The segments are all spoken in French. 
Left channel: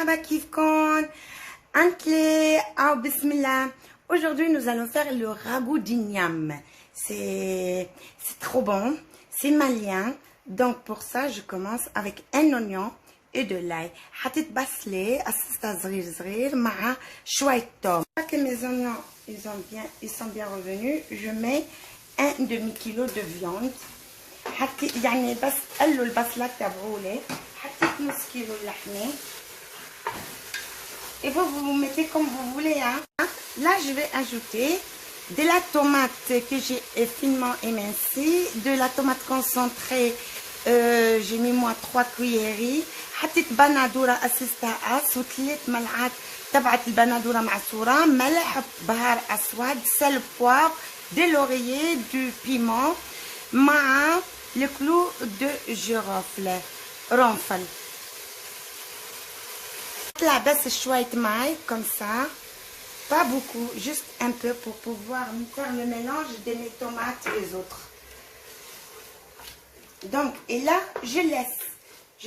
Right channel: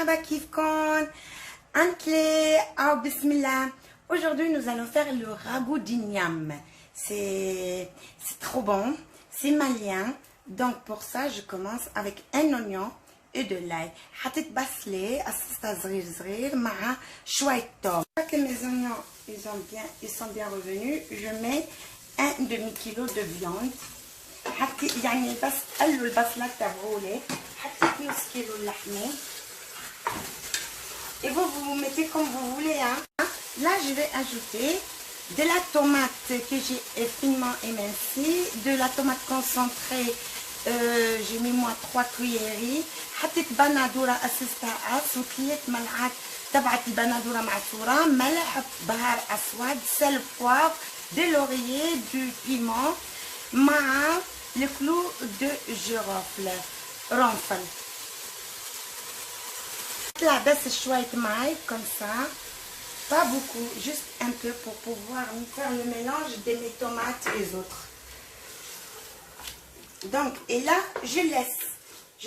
مرحبا كيفكم انتلي او بسم الله. Aujourd'hui nous allons faire le ragoût d'igname. C'est trop bon, c'est malien. Donc pour ça je commence avec un oignon et de l'ail. حطيت بصلة قصصتها صغير صغير مع شوية توم. Que mes oignons ils sont bien revenus, je mets un demi-kilo de viande. حطيت يعني بس قلوا البصلة تبعولي. حطيت نص كيلو اللحمة. Et vous mettez comme vous voulez, hein. Là, je vais ajouter de la tomate que j'ai finement émincée, de la tomate concentrée. J'ai mis moi 3 cuillerées. حطيت بندورة أسستها وثلاث ملعقات تبعت البندورة معصورة، ملح، بهار أسود، سل، poivre, de laurier, du piment مع le clou de girofle رنفل. Là, baisse chouette maille comme ça, pas beaucoup, juste un peu pour pouvoir faire le mélange de mes tomates et les autres. Donc, et là, je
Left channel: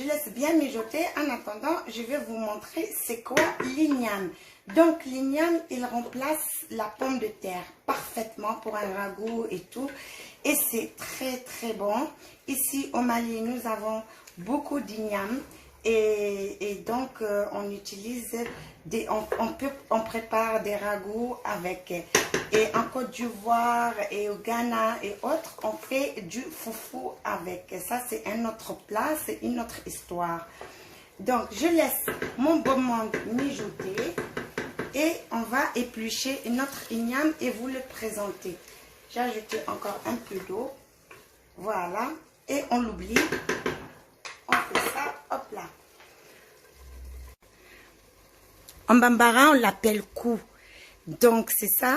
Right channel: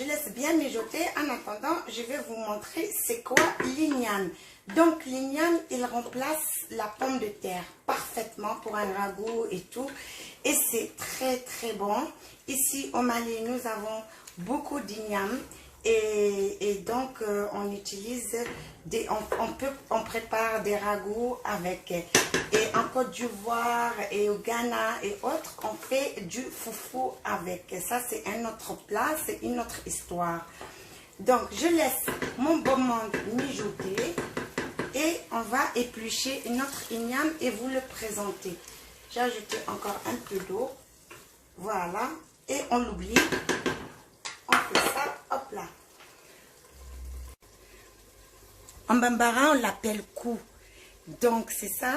laisse bien mijoter. En attendant, je vais vous montrer c'est quoi l'igname. Donc, l'igname, il remplace la pomme de terre parfaitement pour un ragoût et tout. Et c'est très très bon. Ici au Mali, nous avons beaucoup d'igname. Et donc, on utilise, on prépare des ragoûts avec. Et en Côte d'Ivoire et au Ghana et autres, on fait du foufou avec. Ça, c'est un autre plat, c'est une autre histoire. Donc, je laisse mon bon monde mijoter et on va éplucher notre igname et vous le présenter. J'ai ajouté encore un peu d'eau. Voilà. Et on l'oublie. On fait ça, hop là. En bambara, on l'appelle cou. Donc, c'est ça.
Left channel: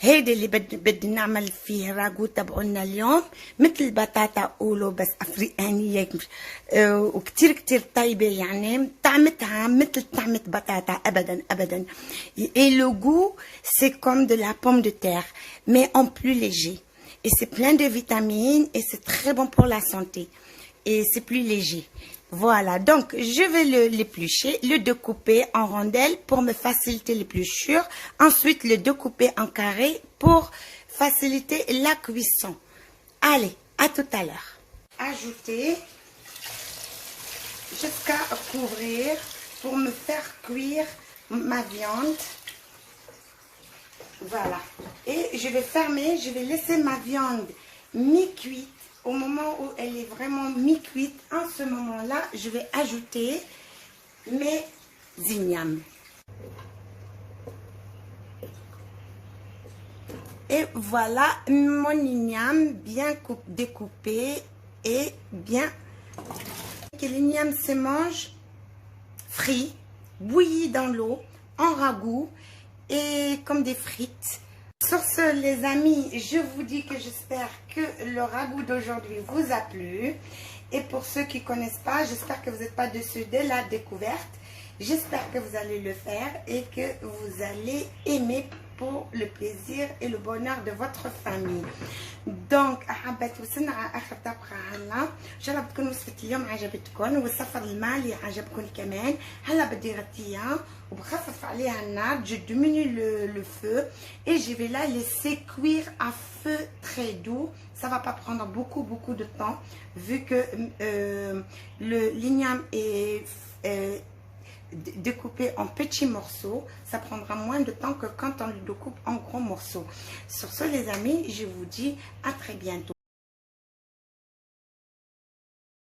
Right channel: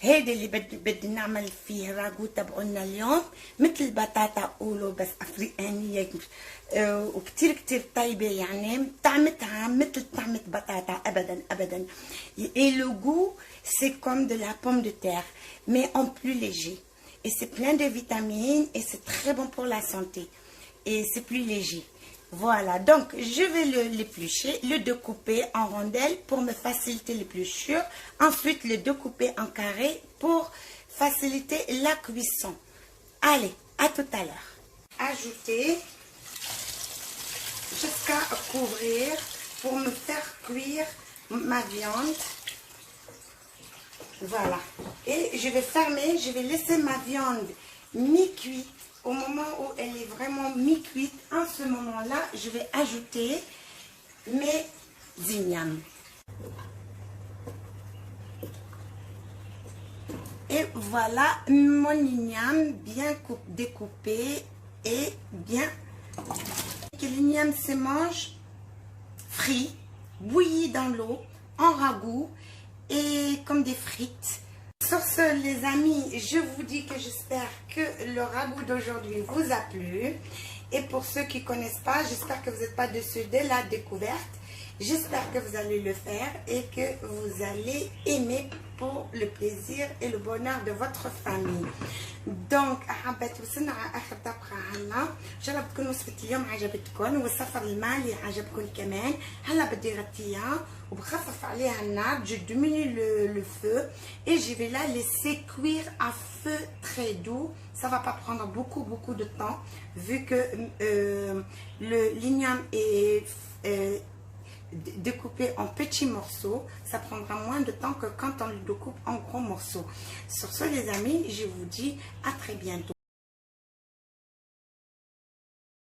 هيدا اللي بدنا نعمل فيه راغو تبعنا اليوم، مثل البطاطا قولوا بس افريقانيه وكتير كتير طيبه، يعني طعمتها مثل طعمه بطاطا ابدا ابدا. Et le goût c'est comme de la pomme de terre mais en plus léger, et c'est plein de vitamines et c'est très bon pour la santé et c'est plus léger. Voilà, donc je vais l'éplucher, le découper en rondelles pour me faciliter l'épluchure. Ensuite, le découper en carré pour faciliter la cuisson. Allez, à tout à l'heure. Ajouter jusqu'à couvrir pour me faire cuire ma viande. Voilà. Et je vais fermer, je vais laisser ma viande mi-cuite. Au moment où elle est vraiment mi-cuite, en ce moment-là, je vais ajouter mes ignames. Et voilà mon igname bien découpé et bien. Que l'igname se mange frit, bouilli dans l'eau, en ragoût et comme des frites. Sur ce, les amis, je vous dis que j'espère que le ragoût d'aujourd'hui vous a plu. Et pour ceux qui ne connaissent pas, j'espère que vous n'êtes pas déçus de la découverte. J'espère que vous allez le faire et que vous allez aimer pour le plaisir et le bonheur de votre famille. Donc, حبيت وصلنا على آخر طبخة هلا. إن شاء الله بتكون وصفة اليوم عجبتكم والسفر المالي عجبكم كمان. هلا بدي غطيها وبخفف عليها النار. Je diminue le feu et je vais la laisser cuire à feu très doux. Ça va pas prendre beaucoup de temps vu que l'igname est découpé en petits morceaux. Ça prendra moins de temps que quand on le découpe en gros morceaux. Sur ce, les amis, je vous dis à très bientôt.